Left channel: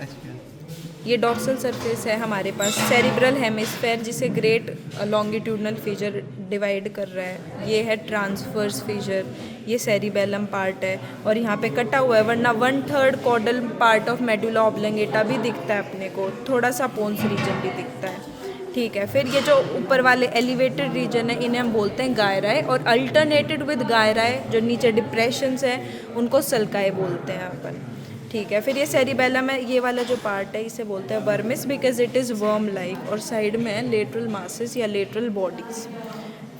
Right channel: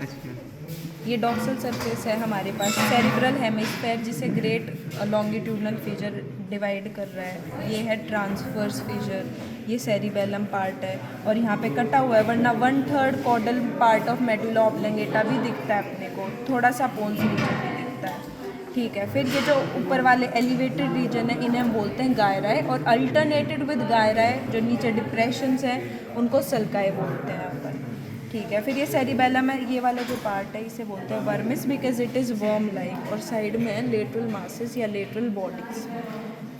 अच्छा। ये dorsal surface है हमारे पास, सेरिब्रल हेमिस्फेयर जिसे ग्रेट लॉन्गिट्यूडनल फिजर डिवाइड कर रहा है, ये है ट्रांसवर्स फिजर, ये सेरिबेलम पार्ट है और यहाँ पे कटा हुआ है, वरना 1/3 caudal part of medulla oblongata भी दिखता है अपने को, थोड़ा सा पोन्स रीजन भी दिखता है। ठीक है, फिर ये जो ऊपर वाले एलिवेटेड रीजन है इन्हें हम बोलते हैं गायराए, और अल्टरनेटेड विद गायराए जो नीचे डिप्रेशंस हैं उनको सल्काए बोलते हैं अपन। ठीक है, फिर ये सेरिबेलम है, ये वाला जो पार्ट है इसे बोलते हैं vermis because it is worm like, और साइड में है लेटरल मासेस या लेटरल बॉडीज़।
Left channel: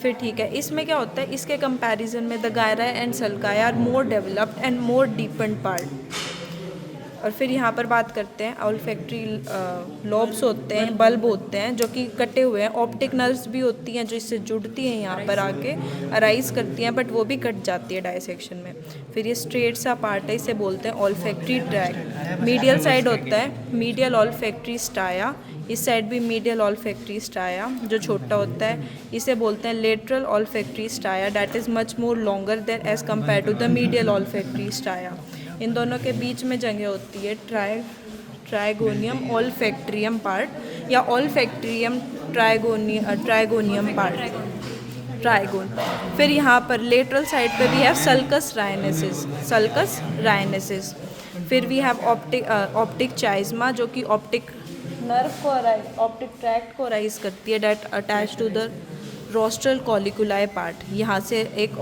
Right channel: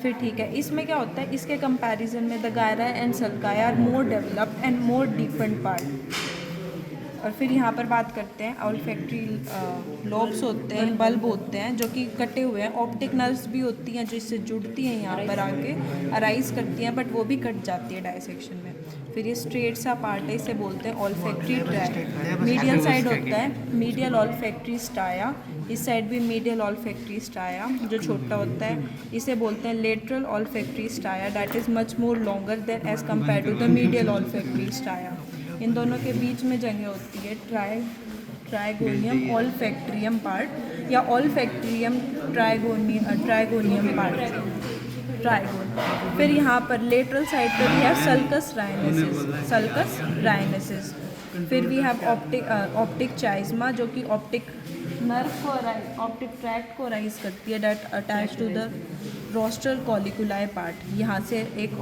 फिर ठीक है, इसमें क्या होता है, इसके कंपैरिजन में the gyri and sulci are more developed and more deepened part. और फिर यहाँ पर बात करते हैं ऑल्फैक्टरी लॉब्स होते हैं, बल्ब होते हैं जो कि कटे हुए हैं, ऑप्टिक नर्व्स भी होती हैं जो इससे जुड़ती हैं यहाँ पर आके अराइज करती हैं, बट वो भी कट जाती है डायसेक्शन में। फिर ये स्ट्रेट सा पार्ट है, इसे बोलते हैं ऑल्फैक्टरी ट्रैक्ट। मीडियल साइड होता है मीडियल ऑल्फैक्टरी स्टाया, इस साइड भी मीडियल ऑल्फैक्टरी स्टाया जो छोटा होता है, इसे बोलते हैं lateral olfactory stria, that is much more longer than as compare to the medial olfactory stria. इन दोनों के बीच में जगह होती है ट्राइगोनियम ऑल्फैक्ट्रियम पार्ट या ऑल्फैक्ट्रियम ट्राइगोनियम पार्ट, ट्राइगोन। फिर यहाँ पर लेटरल साइड पे भी है सल्कस राइनेसिस। फिर वी हैव ऑप्टिक चाइज्मा जो कि ऑप्टिक नर्व को ऑप्टिक ट्रैक्ट को राइज करती है, that attach to the rostral colliculi part. यहाँ से एक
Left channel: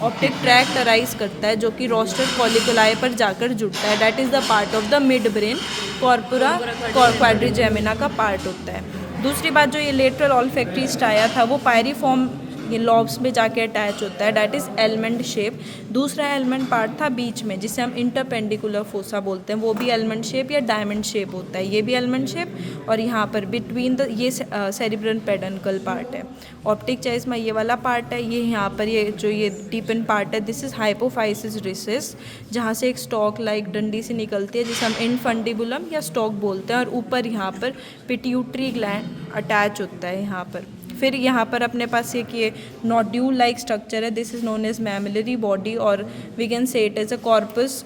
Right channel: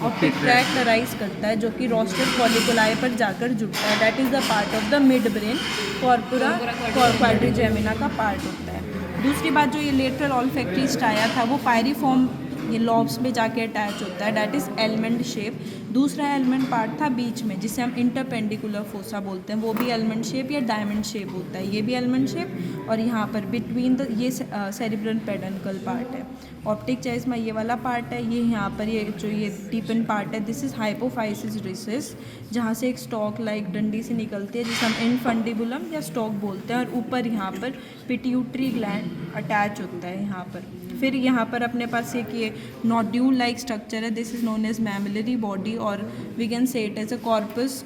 ऑप्टिक ट्रैक्ट राइज करता है जो कि रोस्ट्रल कॉलिकुलाई पर जाकर जुड़ता है, that is the part of the mid brain corpora quadrigemina का पार्ट होता है। दूसरी बात, जो ये लेटरल ऑल्फैक्टरी स्टाया था वो पायरिफॉर्म ये लॉब्स में जाके अटैच होता है, दैट इज़ एलमंड शेप। दूसरा एलमंड पार्ट था बीच में जिसे हम इंटरपेंडिकुलर फोसा बोलते हैं, वो भी एलमंड शेप या डायमंड शेप होता है, ये भी एलमंड शेप। और यहाँ पर बिटवीन द ये सेरिब्रल पेडंकल पार्ट है। ऑप्टिक चाइज्मा ये वाला पार्ट है, ये यहाँ पर ये जो ये डीपन पार्ट है, दिस इज़ हाइपोफाइसिस रिसिस, जहाँ से एक स्टॉक लाइक डंडी से निकलती है जिसे हम इनफंडिबुलम या स्टॉक बोलते हैं, और ऊपर यहाँ पर पिट्यूटरी ग्लैंड अटैच होता है यहाँ पर। फिर यहाँ पर अपने पास एक ये नोड्यूल लाइक स्ट्रक्चर है, this is known as mammillary body, और we can say it as a corpus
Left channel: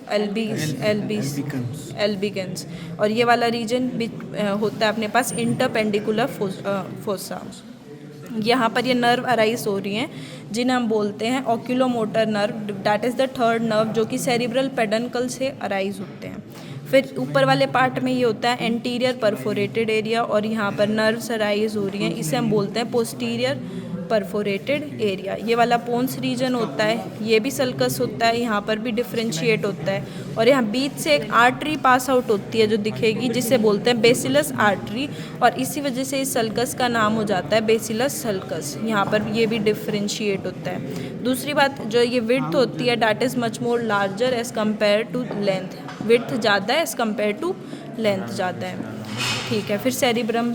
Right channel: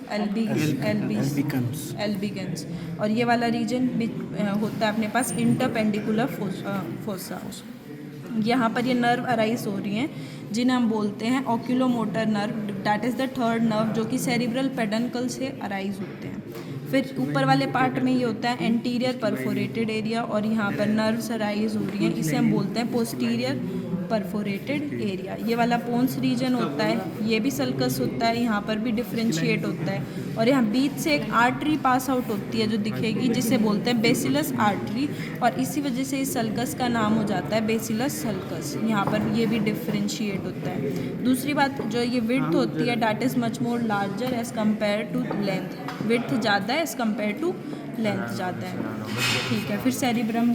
albicans. और ये वाला रीजन होता है अपने पास इंटरपेंडिकुलर फोसा। यहाँ पर ये नर्व अराइज हो रही हैं जिन्हें हम बोलते हैं oculomotor nerve, that is the third nerve जो कि सेरिब्रल पेडंकल से अराइज होते हैं। फिर ऊपर वाले पार्ट में ये होता है एंटीरियर परफोरेटेड एरिया, और यहाँ पर नर्व्स अराइज हो रही हैं, इसे हम बोलते हैं पोस्टीरियर परफोरेटेड एरिया। ये वाला पोन्स रीजन होता है, ये भी सल्कस होता है, यहाँ पर भी डिफरेंशिएट होता है, और यहाँ बीच से एक आर्टरी पास आउट होती है जो दिखेगी, जिसे बोलते हैं बेसिलस आर्टरी, और इसी वजह से इस सल्कस का नाम हो जाता है बेसिलस सल्कस। यहाँ पर ये भी डिफरेंशिएट होता है। दूसरी बात, जो ये विड्थ होती है that is much more larger as compare to length, width ज़्यादा है एज़ कम्पेयर टू लेंथ ज़्यादा है। ठीक है, फिर सेरिब्रम